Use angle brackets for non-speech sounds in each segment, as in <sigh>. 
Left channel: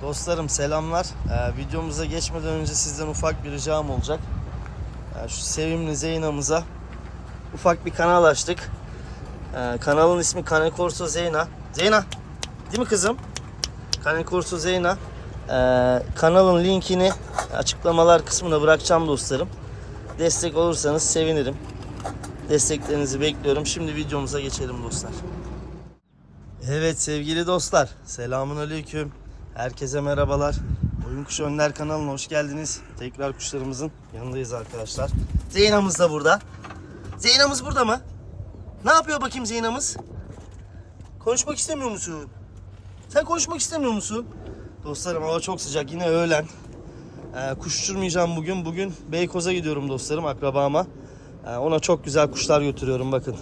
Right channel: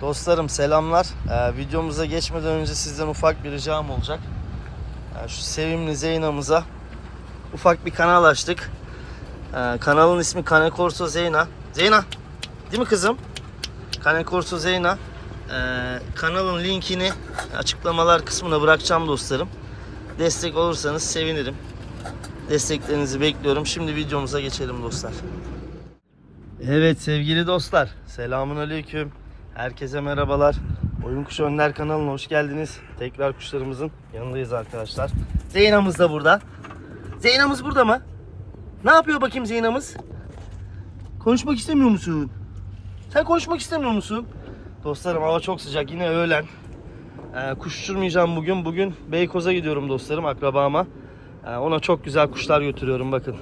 Dostlarım selamlar. Ee, videomuza geçmeden önce sizden ufak bir ricam olacak. Ee, şu sevimli Zeyna'mıza ufak bir kanal açtık. Ee, kanalın ismi Kane Corso Zeyna. Zeyna, değil mi kızım? Kane Corso Zeyna. Ee, kanalın linkini açıklamalar kısmına bırakacağım dostlarım. Destek olursanız sevinirim. Desteklerinizi bekliyorum. Şimdi videomuza geçelim dostlar. Evet sevgili dostlar. Selamun aleyküm. Herkese merhabalar. Oyun Kuşu Önler kanalına hoş geldiniz. Tekrar kuşlarımızın yanındayız arkadaşlar. Zeyna'mız da burada. Zeyna'mız burada mı? Ne yapıyor bakayım Zeyna'mız? Konuşmak istemiyor musun? Sen konuşmak istemiyor musun? Dostlarım hava çok sıcak. Yine öğlen. Ee, kuş uçurmayacağım bugün. Bugün Beykoz'a gidiyorum dostlarım akrabama. Ee, ona çok güzel kuşlar götürüyorum bakın.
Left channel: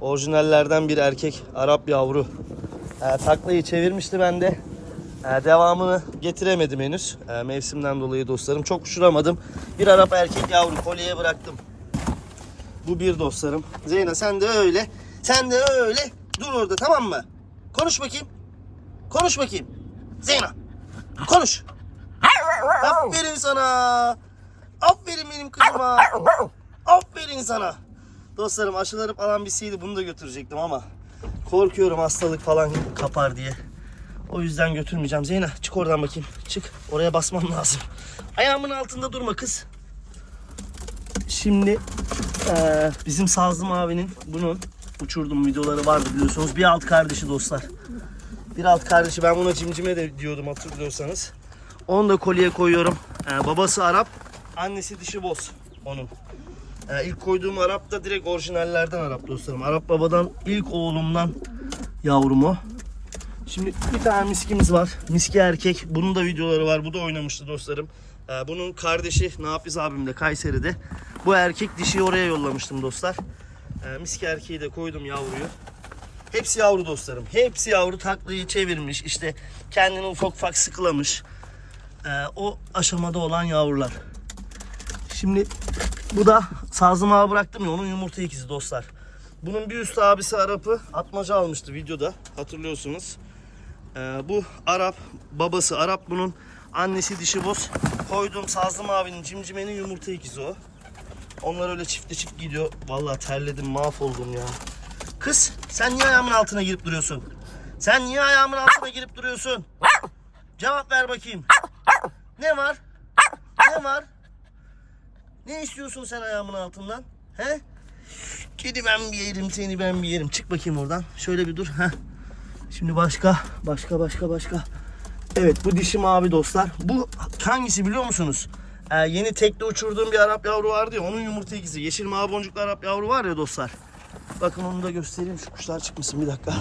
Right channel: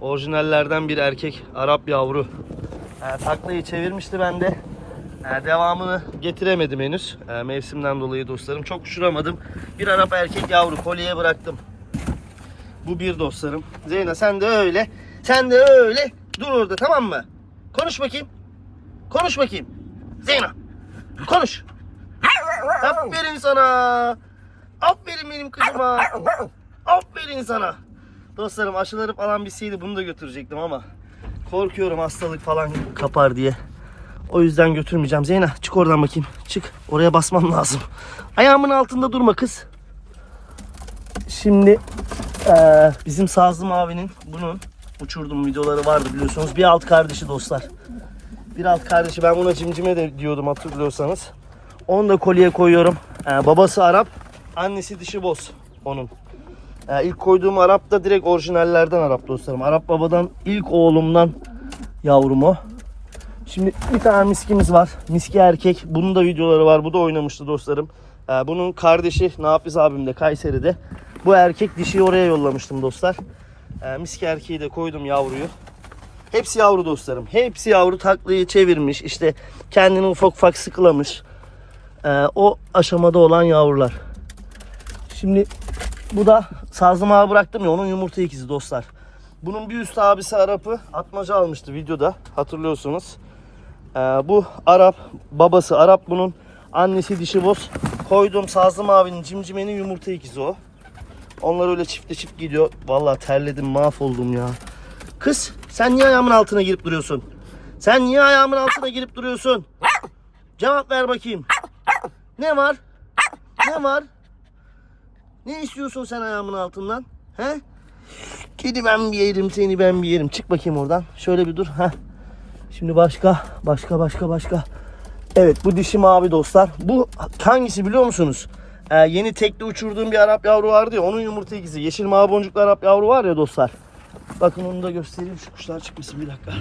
Orijinallerden bir erkek Arap yavru. Ee, taklayı çevirmişti bende. Ee, devamını getiremedim henüz. Ee, mevsimden dolayı dostlarım. Çok uçuramadım. Bir Arap erkek yavru kolyeye bıraktım. Bu bir dostlarım. Zeyna sen de öyle. Sen de öyle. Dur orada tamam mı? Konuş bakayım. Konuş bakayım. Zeyna. Konuş. Aferin sana. Aferin benim kızıma. Aferin sana. Dostlarım aşıları falan bitseydi bunu da götürecektim ama korkuyorum hastalık falan kapar diye. O yüzden götürmeyeceğim. Zeyna çık oradan bakayım. Çık. Oraya basmam lazım. Ayağımın altında durma kız. Şimdi eee, bizim Sazım abinin bunun uçurduğum videoları vardı biliyorsunuz. Bir alt kardeşi dostlar. Bir alt kardeşi ben buna cimcime de diyordum hatırlıyorsanız. Onu da kolye koyuyorum. Ee, babası Arap, annesi dişi boz onun. Ee, ilk koyduğum Arap da direkt orijinallerden Arap dostlarım. Arap babadan ilk oğlumdan yavrum o. Şimdi bir tane miskimiz var. Miski erkek. Bunun da videoları var. Bu da oynamıştı dostlarım. Ee, bunun kardeşi Nafiz abim de Kayseri'de. Bu erkek dişiyi oraya yollamıştım dostlar. Ee, miski erkeği de koydum yavruyu. Hepsi yavru dostlarım. Hepsi yavru taklıyı çevirmiş. İşte kendini ufak ufak sıkılamış. Ee, o aşamada olan yavrular. Şimdi bu da sazım ağa bıraktım ya onun yumurta ikizi dostlar. Bunun bir üst abisi Arap'ı atmaca almıştı videoda hatırlıyorsunuz. Ee, bu Arap babası Arap bunun annesi dişi boz. Koyduğum Sazım abinin cimcimenin yumurta ikizi o. Onlar öyle çifte çift gidiyor. Vallahi terledim mahvoldum ya. Kız sen niye ayağımın altına girip duruyorsun? Sen niye ayağımın altına girip duruyorsun? Cevap ver bakayım. Ne var? Ne var? Ne istiyorsun sen ayağımın altından? He? Kedi ben bir yerim seni ben bir yerim. Çık bakayım oradan. Şöyle bir dur. Heh. Şimdi başka, başka, başka, başka. Evet bu dişi mavi dostlar. Bu hangisi biliyor musunuz? Ee, yeni tekte uçurduğum bir Arap yavru vardı ya onun yumurta ikizi. Yeşil mavi boncuklu Arap yavru var ya dostlar. Bakın onu da göstereyim. Şu kuşlar çıkmasın bir dakika.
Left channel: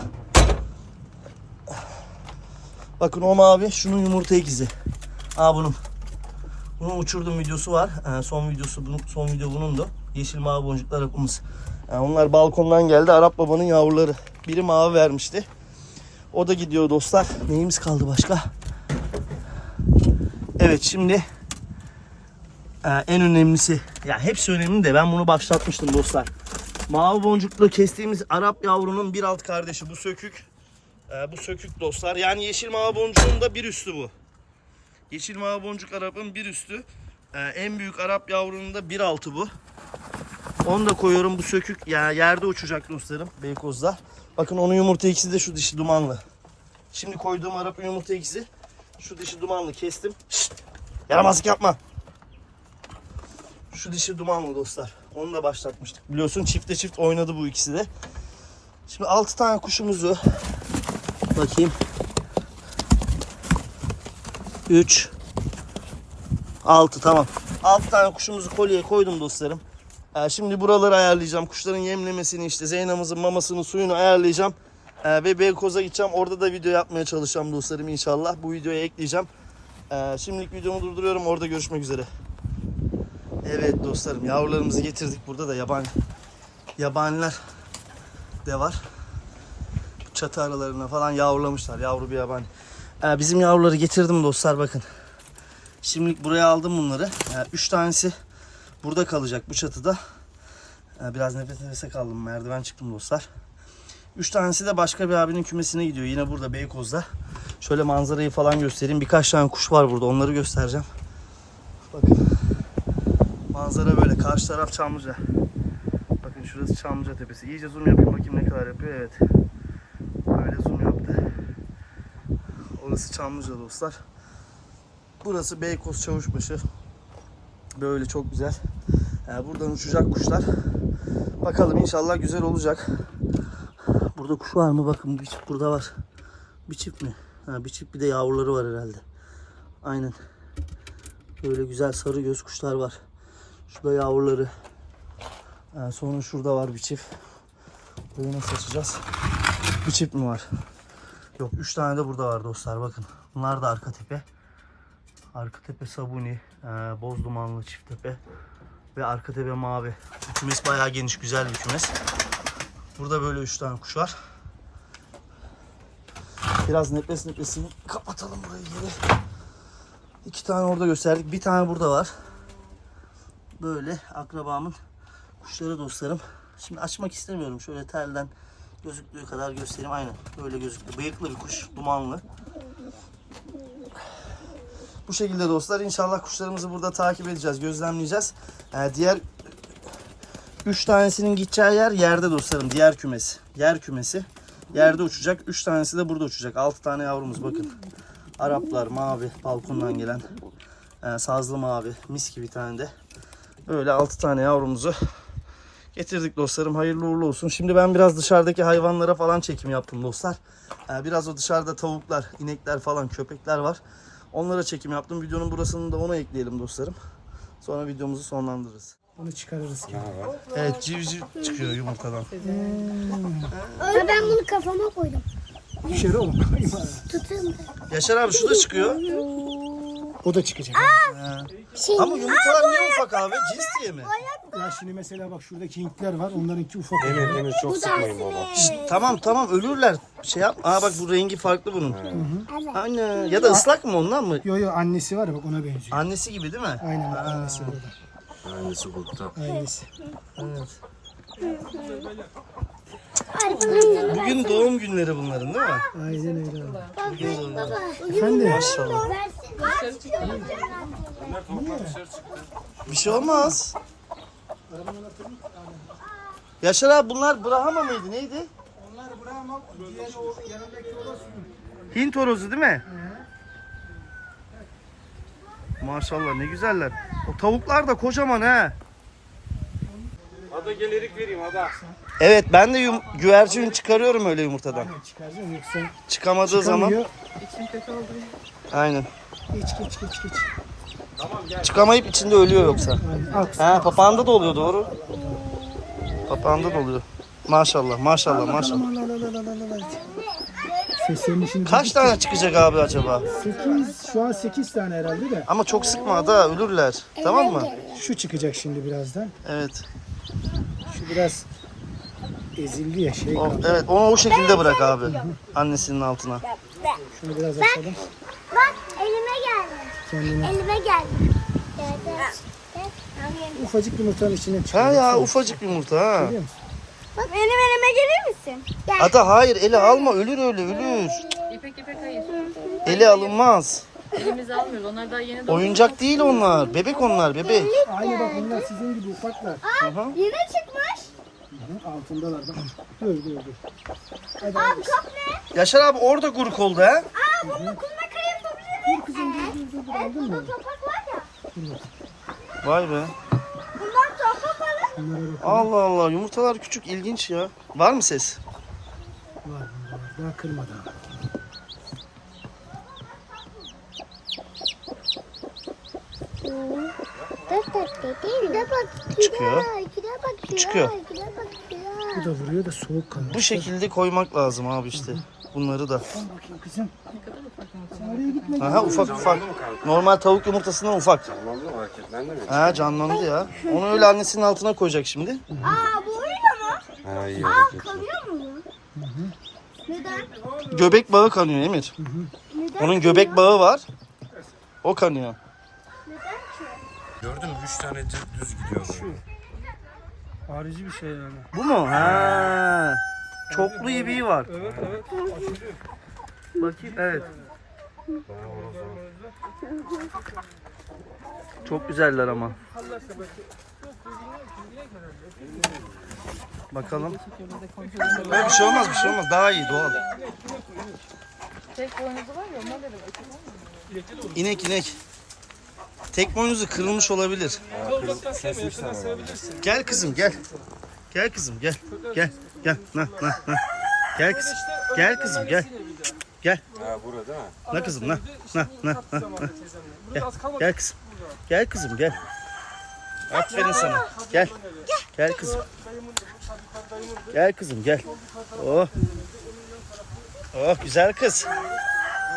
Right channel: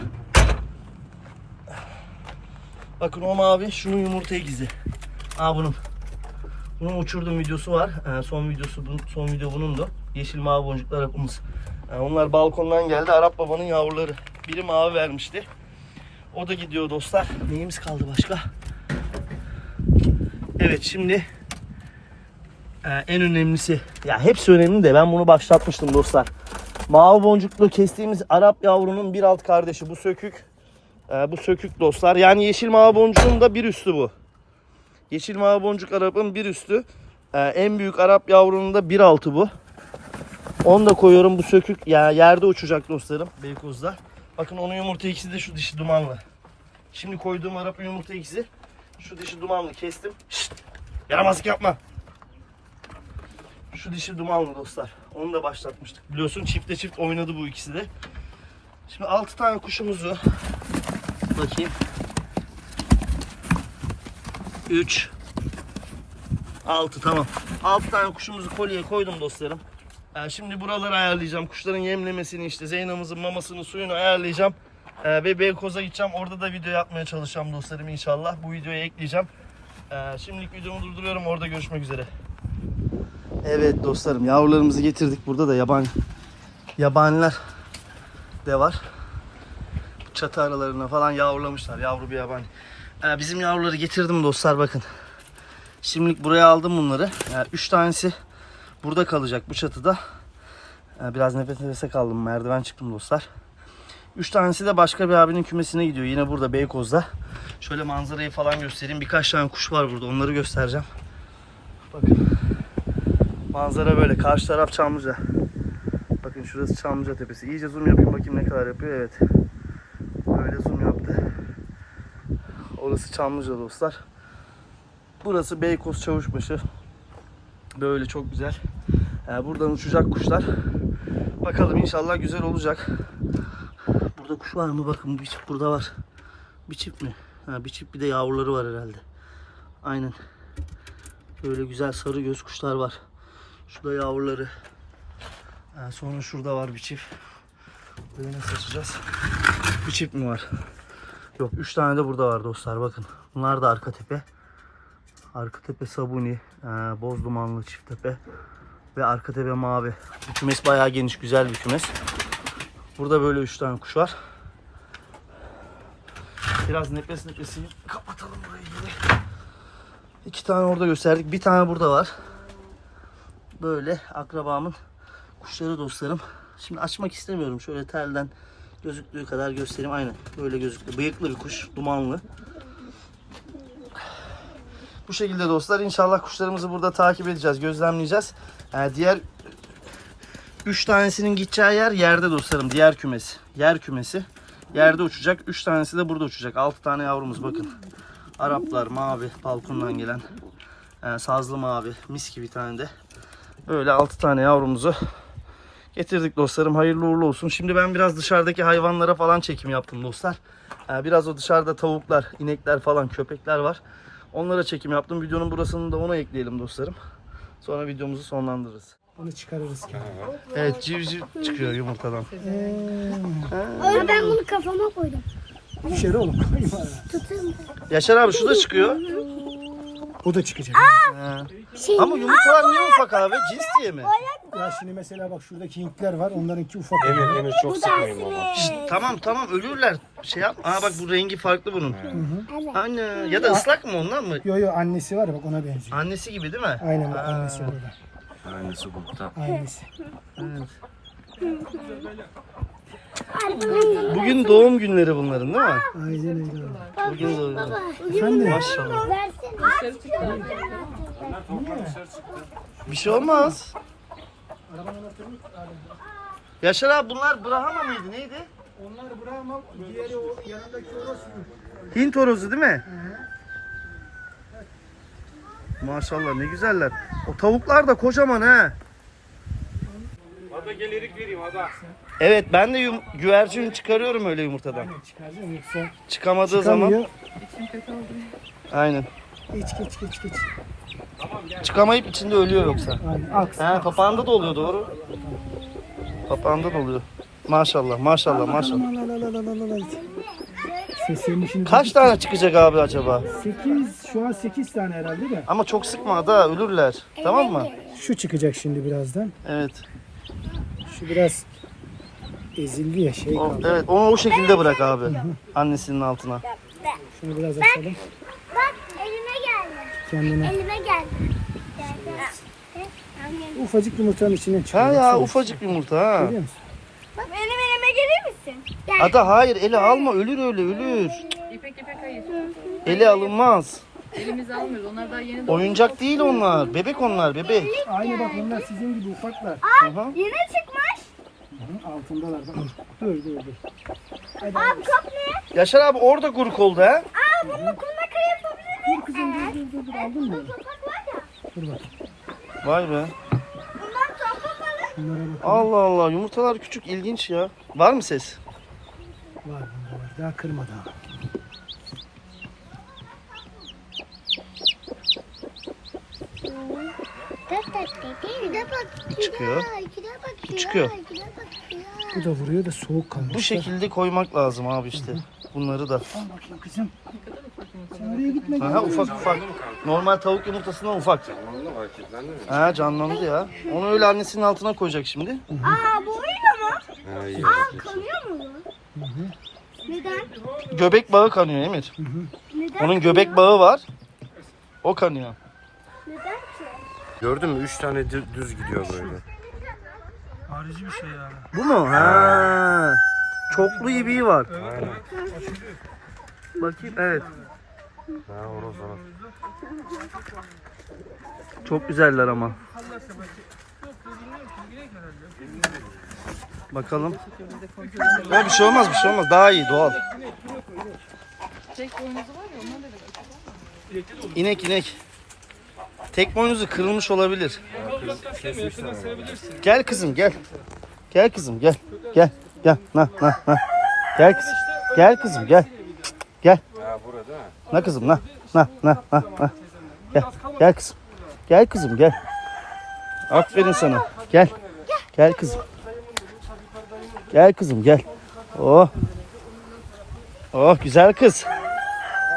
Bakın o mavi şunun yumurta ikizi. Aa bunun. Bunun uçurduğum videosu var. Ee, son videosu bunun, son video bunun da. Yeşil mavi boncuklu Arap'ımız. Ee, onlar balkondan geldi. Arap babanın yavruları. Biri mavi vermişti. O da gidiyor dostlar. Neyimiz kaldı başka? Evet şimdi ee, en önemlisi ya hepsi önemli de ben bunu başlatmıştım dostlar. Mavi boncuklu kestiğimiz Arap yavrunun bir alt kardeşi bu sökük. Ee, bu sökük dostlar. Yani yeşil mavi boncuğun da bir üstü bu. Yeşil mavi boncuk Arap'ın bir üstü. Ee, en büyük Arap yavrunun da bir altı bu. Onu da koyuyorum bu sökük. Ya yerde uçacak dostlarım Beykoz'da. Bakın onun yumurta ikisi de şu dişi dumanlı. Şimdi koyduğum Arap'ın yumurta ikisi şu dişi dumanlı kestim. Şşt, yaramazlık yapma. Şu dişi dumanlı dostlar. Onu da başlatmıştık. Biliyorsun çifte çift oynadı bu ikisi de. Şimdi 6 tane kuşumuzu bakayım. 3 6 tamam. 6 tane kuşumuzu kolyeye koydum dostlarım. Ee, şimdi buraları ayarlayacağım. Kuşların yemlemesini işte Zeyna'mızın mamasını suyunu ayarlayacağım. Ee, ve Beykoz'a gideceğim. Orada da video yapmaya çalışacağım dostlarım inşallah. Bu videoya ekleyeceğim. Ee, şimdilik videomu durduruyorum. Orada görüşmek üzere. Evet dostlarım yavrularımızı getirdik. Burada da yabani yabaniler de var. Çatı aralarına falan yavrulamışlar. Yavru bir yabani. Ee, bizim yavruları getirdim dostlar bakın. Şimdilik buraya aldım bunları. Ee, üç tanesi burada kalacak bu çatıda. Ee, biraz nefes nefese kaldım. Merdiven çıktım dostlar. Üç tanesi de başka bir abinin kümesine gidiyor. Yine burada Beykoz'da. Şöyle manzarayı falan göstereyim. Birkaç tane kuş var burada. Onları göstereceğim. Bakın. Manzara böyle. Karşı taraf Çamlıca. Bakın şurası Çamlıca Tepesi. İyice zoom yapayım bakayım ne kadar yapıyor. Evet. Böyle zoom yaptı. Orası Çamlıca dostlar. Burası Beykoz Çavuşbaşı. Böyle çok güzel. Ee, buradan uçacak kuşlar. Bakalım inşallah güzel olacak. Burada kuş var mı? Bakın bir çift burada var. Bir çift mi? Ha, bir çift bir de yavruları var herhalde. Aynen. Böyle güzel sarı göz kuşlar var. Şurada yavruları. Ee, sonra şurada var bir çift. Böyle nasıl açacağız? Bir çift mi var? Yok 3 tane de burada var dostlar bakın. Bunlar da arka tepe. Arka tepe sabuni, e, boz dumanlı çift tepe ve arka tepe mavi. Bu kümes bayağı geniş güzel bir kümes. Burada böyle 3 tane kuş var. Biraz nefes nefesini kapatalım burayı geri. İki tane orada gösterdik. Bir tane burada var. Böyle akrabamın kuşları dostlarım. Şimdi açmak istemiyorum. Şöyle telden gözüktüğü kadar göstereyim. Aynen böyle gözüktü. Bıyıklı bir kuş. Dumanlı. Bu şekilde dostlar inşallah kuşlarımızı burada takip edeceğiz. Gözlemleyeceğiz. Ee, diğer 3 tanesinin gideceği yer yerde dostlarım. Diğer kümesi. Yer kümesi. Yerde uçacak. 3 tanesi de burada uçacak. 6 tane yavrumuz bakın. Araplar mavi. Balkondan gelen. Ee, sazlı mavi. Mis gibi bir tane de. Böyle 6 tane yavrumuzu getirdik dostlarım. Hayırlı uğurlu olsun. Şimdi ben biraz dışarıdaki hayvanlara falan çekim yaptım dostlar. Ee, biraz o dışarıda tavuklar, inekler falan, köpekler var. Onlara çekim yaptım. Videonun burasını da ona ekleyelim dostlarım. Sonra videomuzu sonlandırırız. Onu çıkarırız ki. Evet civciv çıkıyor yumurtadan. Aa, ben bunu kafama koydum. Düşer oğlum. Tutayım. Yaşar abi şu da çıkıyor. O da çıkacak. Şey, Ama yumurtalar niye ufak abi? Cins diye mi? Ya şimdi mesela bak şuradaki Hintler var. Onlarınki ufak. bu da aslında. Tamam tamam ölürler. Şey yap. Aa bak bu rengi farklı bunun. Anne ya da ıslak mı ondan mı? Yo yo annesi var ya bak ona benziyor. Annesi gibi değil mi? Aynen annesi burada. Aynısı burada. Annesi. Evet. Bugün doğum günleri bunların değil mi? Aynen öyle. Bugün doğum günleri. Efendim? Maşallah. Bir şey olmaz. Yaşar abi bunlar Brahma mıydı neydi? Onlar Brahma, diğeri o yanındaki orası. Hint horozu değil mi? Maşallah ne güzeller. O tavuklar da kocaman ha. Ada gelirik vereyim ada. Evet ben de yum- güvercin çıkarıyorum öyle yumurtadan. Aynen çıkaracaksın yoksa Çıkamadığı zaman çıkamıyor. aynen. Geç geç geç geç. Çıkamayıp içinde ölüyor yoksa. Aynen. Aks. He papağanda da oluyor doğru. Papağanda da oluyor. Maşallah maşallah maşallah. Aman. Seslerini şimdi Kaç tane çıkacak abi acaba? 8 şu an 8 tane herhalde de. Ama çok sıkma da ölürler. Tamam mı? Şu çıkacak şimdi birazdan. Evet. Şu biraz ezildi ya şey. O, evet onu o şekilde bırak abi. Annesinin altına. Şunu biraz açalım. Bak elime geldi. Kendini. Elime geldi. Geldi. Ufacık yumurtanın içinden Ha çıkıyor. ya Baksana. ufacık yumurta ha. Görüyor musun? Bak benim elime gelir misin? Gel. Ata hayır eli alma ölür öyle ölür. İpek ipek hayır. Eli alınmaz. Elimizi almıyoruz. Onlar daha yeni. Oyuncak değil onlar. Bebek onlar bebek. Aynı bak onlar sizin gibi ufaklar. Aha. Yine çıkmış. Hı, Altındalar bak. Dur dur dur. Hadi abi. kop ne? Yaşar abi orada guruk oldu ha. Aa bunu kumla kayıp Dur kızım dur dur dur. dur. Aldın mı? Topak var ya. Dur bak. Vay be. Bundan topak alır. Bunlara bak. Allah Allah yumurtalar küçük ilginç ya. Var mı ses? Var bunda var. Daha bak. Çıkıyor. Çıkıyor. bak, Gide bak. Gide bak. Bu da vuruyor da soğuk kalıyor. Bu şekilde koymak lazım abi işte. Bunları da. Bakayım kızım. Sen oraya gitme. Aha ufak ufak. Normal tavuk yumurtasından ufak. Tamam mı hareketlendi mi? Ha canlandı ya. Onu öyle annesinin altına koyacak şimdi. Aa bu oyun mu? Hayır. Aa kanıyor mu bu? Neden? Göbek bağı kanıyor Emir. Neden? Onun göbek bağı var. O kanıyor. Neden ki? Gördün mü? Üç tane düz, düz gidiyor böyle. Harici bir şey ya. Bu mu? Ha. Çoklu ibiği var. Bakayım evet. Ha horoz horoz. Çok güzeller ama. Bakalım. Ya bir şey olmaz bir şey olmaz. Daha iyi doğal. İnek inek. Tek boynuzu kırılmış olabilir. Gel kızım gel. Gel kızım gel. Gel. Gel. Na na na. Gel kızım. Gel kızım gel. Gel. Na kızım na. Na na na na. Gel. Gel kızım. Gel kızım gel. Aferin sana. Gel. Gel kızım. Gel kızım gel. Oh. Oh güzel kız.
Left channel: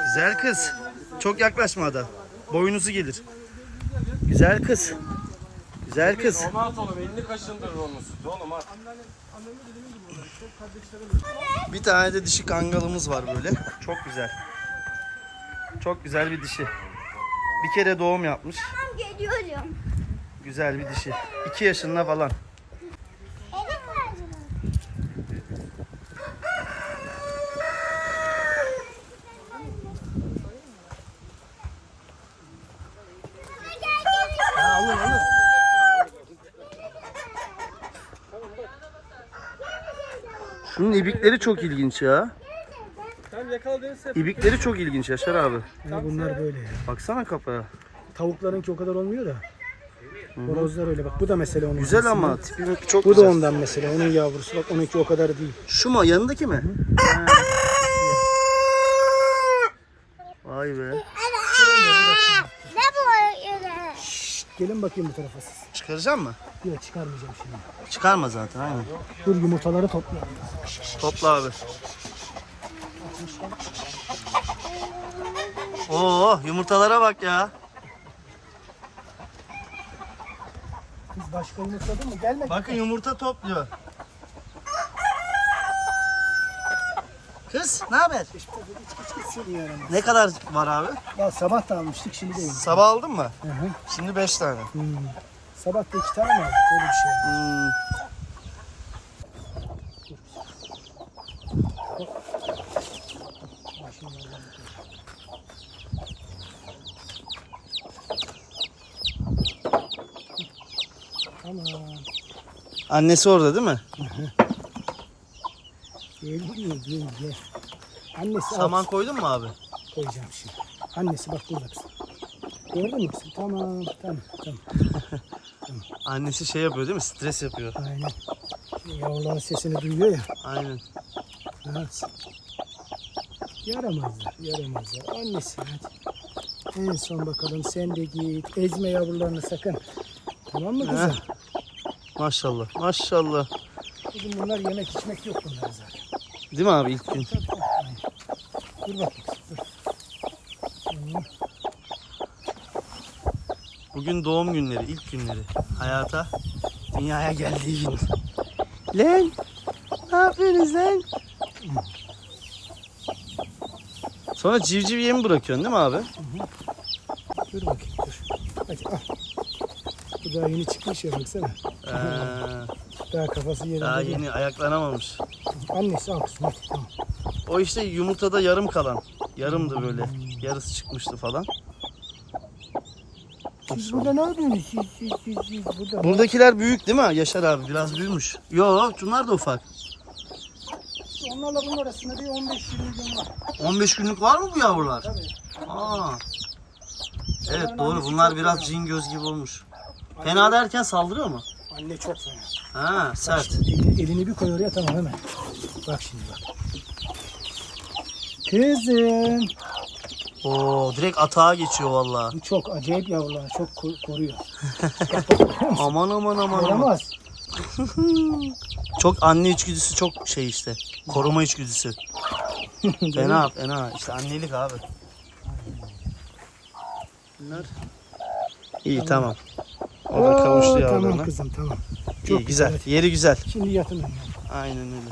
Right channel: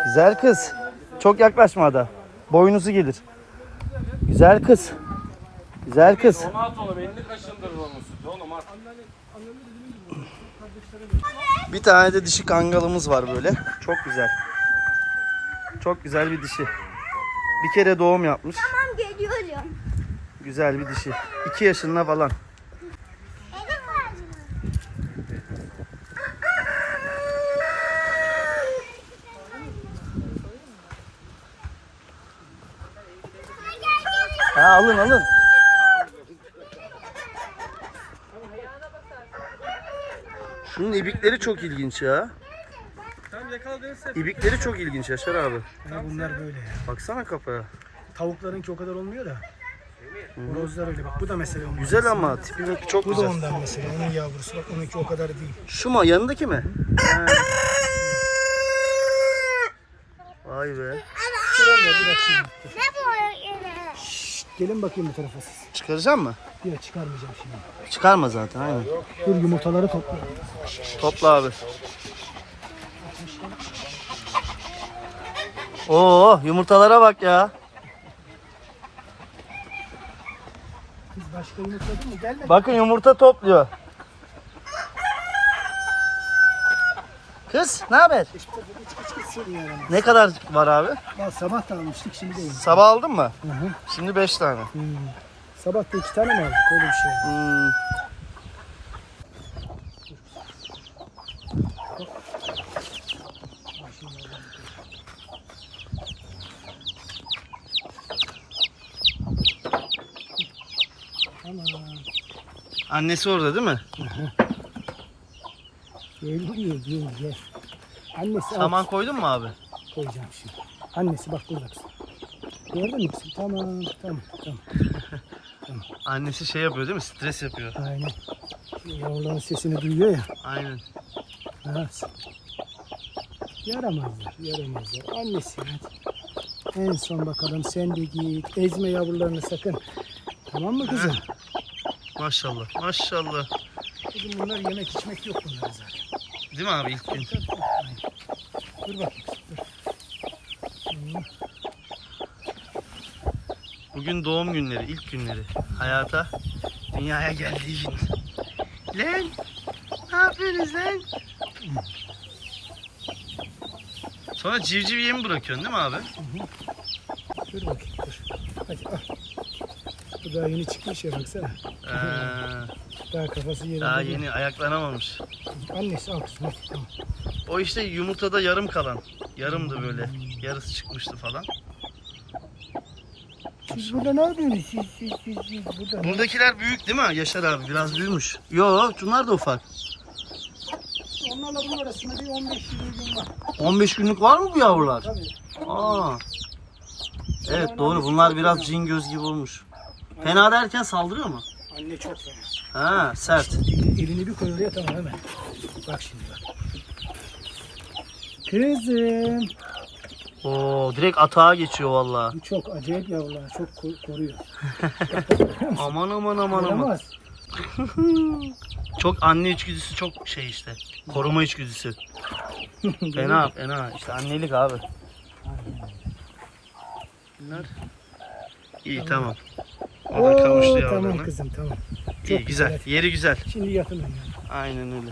Güzel kız. Çok yaklaşma ada. Boynuzu gelir. Güzel kız. Güzel kız. At onu belli kaşındır domuz. Oğlum at. Bir tane de dişi kangalımız var böyle. Çok güzel. Çok güzel bir dişi. Bir kere doğum yapmış. Tamam geliyorum. Güzel bir dişi. 2 yaşında falan. Ha, alın alın. Şunun ibikleri çok ilginç ya. İbikleri çok ilginç Yaşar abi. Ya bunlar böyle. Baksana kafaya. Tavuklarınki o kadar olmuyor da. Horozlar öyle bak bu da mesela onun. Güzel ama tipi çok Bu da ondan mesela. Onun yavrusu bak onunki o kadar değil. Şu mu? Yanındaki mi? Ha. Vay be. Ne bu öyle? Gelin bakayım bu tarafa siz. Çıkaracak mı? Yok çıkarmayacağım şimdi. Çıkarma zaten aynen. Dur yumurtaları toplayalım. Topla abi. Oo yumurtalara bak ya. Kız başka yumurtladın mı? Gelme. Bakın yumurta topluyor. Kız ne haber? Ne kadar var abi? Ya sabah da almıştık şimdi de. Sabah aldın mı? Hı hı. Şimdi 5 tane. Hmm. Sabah da iki tane mi aldık? Öyle bir şey. Tamam. Annesi orada değil mi? Geliyor gel gel. Annesi Saman al. koydun mu abi? koyacağım şimdi. Annesi bak burada kızım. Gördün mü kızım? Tamam tamam tamam. <laughs> Annesi şey yapıyor değil mi? Stres yapıyor. Aynen. Yavruların sesini duyuyor ya. Aynen. Evet. Yaramazlar, yaramazlar. Annesi hadi. En son bakalım sen de git. Ezme yavrularını sakın. Tamam mı kızım? Maşallah. Maşallah. Kızım bunlar yemek içmek yok bunlar zaten. Değil mi abi ilk gün? Bugün doğum günleri, ilk günleri. Hayata, dünyaya geldiği gün. Lan, ne yapıyorsunuz lan? Sonra civciv yemi bırakıyorsun değil mi abi? Dur bakayım. Dur. Hadi al. Bu daha yeni çıkmış ya baksana. Ee, Daha kafası yerinde. daha yeni ayaklanamamış. Annesi al hadi. O işte yumurtada yarım kalan. Yarımdı böyle. Yarısı çıkmıştı falan. Siz burada ne yapıyorsunuz? Siz, siz, siz, siz burada. Buradakiler büyük değil mi Yaşar abi? Biraz büyümüş. Yo, şunlar da ufak. Onlarla bunun arasında bir 15-20 gün var. 15 günlük var mı bu yavrular? Aa. Evet doğru. Bunlar biraz cin göz gibi olmuş. Fena derken saldırıyor mu? Anne çok fena. Ha, sert. Elini, bir koy oraya tamam hemen. Bak şimdi bak. Kızım. Oo, direkt atağa geçiyor vallahi. Bu çok acayip yavrular. Çok ko- koruyor. <laughs> Aman aman aman aman. Yaramaz. <laughs> Çok anne içgüdüsü çok şey işte. Koruma içgüdüsü. <laughs> Fena fena. İşte annelik abi. Bunlar. İyi tamam. O da kavuştu Oo, yavrularına. Tamam kızım tamam. İyi güzel. Yeri güzel. Şimdi yatın. Aynen öyle.